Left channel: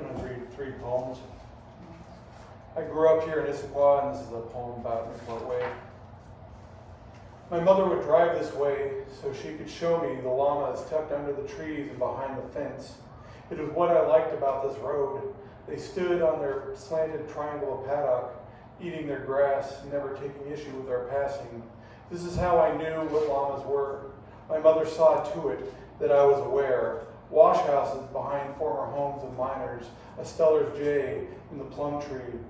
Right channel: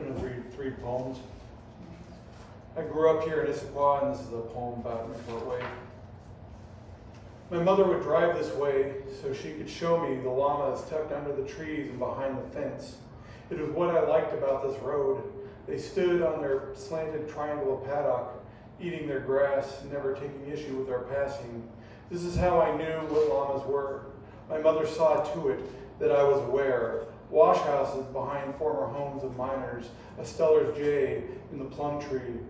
going to read 3 poems. I grew up here in Issaquah, and this is a poem about Newport Way. My mother would drive this way so she could show me the llamas tucked under the trees and behind the fence. It was what I liked about this road. They stood on their slanted triangle of paddock, eating their grass, never taking issue with our passing. This is how I knew what llamas were. My mother saw to it that I was aware. Wash houses behind former homes of miners, a Steller's jay in the plum tree.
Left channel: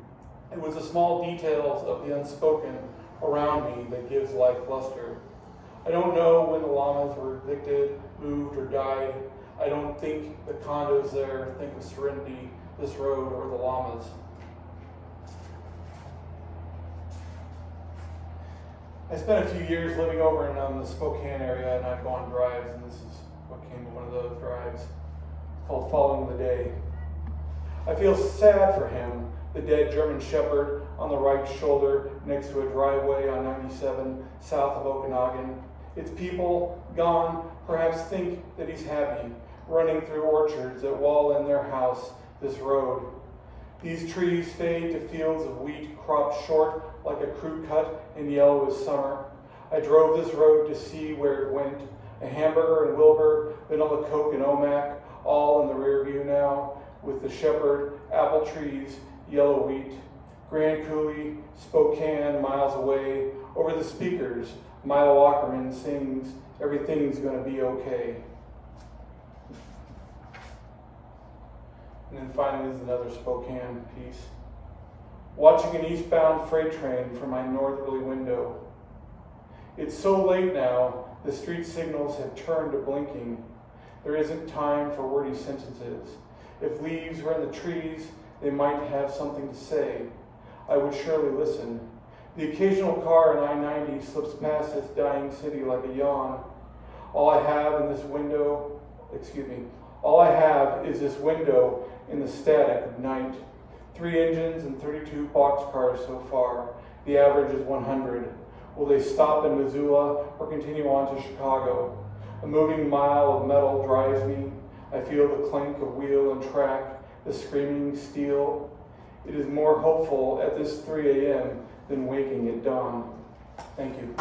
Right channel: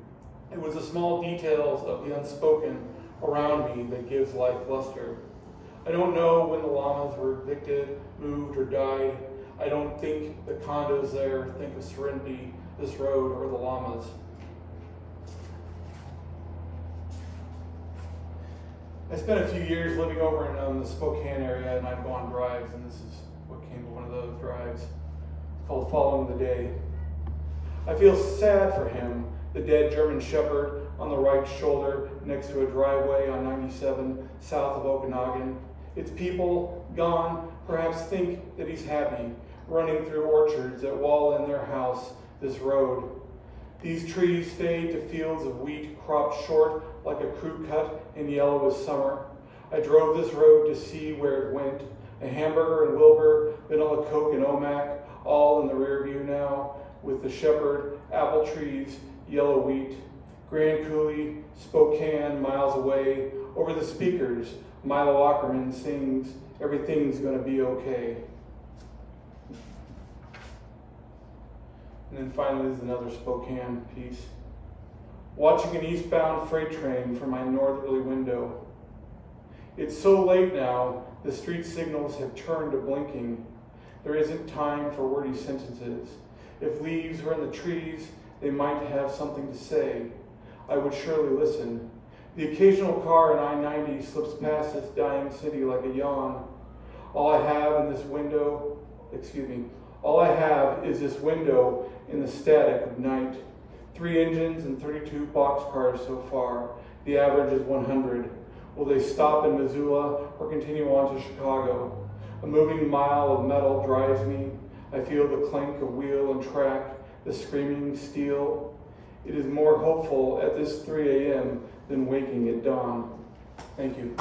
It was the small details of the unspoken around me that gives life luster. I don't know when the llamas were evicted, moved, or died. I don't think the condos there think of Serenity, this road, or the llamas. I spent a few years living over in the Spokane area, and I'd go on drives, and this is what came of one of those drives, called Following the Day. I feel sad for him, the dead German Shepherd on the right shoulder next to a driveway on 97 south of Okanagan. Its people, gone, perhaps think that he's happy, running through orchards that wall in their house this road. These trees fade to fields of wheat cropped short like a crew cut in yellow as summer. I drove this road to see where it went. A hamburger and Wilbur, vanilla Coke and Omac, all in the rear view now, with the Shepherd, apple trees, yellow wheat. Grand Coulee, Spokane, miles away. Over the speakers, Milo Ackerman sings, "Everything's Gonna Be Okay." And then finally is another Spokane piece. Watching an eastbound freight train from my northerly window. It's so late now, the street signals have turned to blinking. There isn't time for wordy sentences. If leaves were in the trees, they might have something to say. I would surely listen. The occasional car in I-90 slips past this dying city like a yawn. All I have is this window in the static of night. 3 engines and 32 boxcars so far. The average is 100. Will they stop in Missoula or continue on to Chicago? A moving mile of metal drives me. I feel the clink of wheel and track, the screaming steel. It is more hopeful at this 3 a.m. than waking at dawn. Thank you.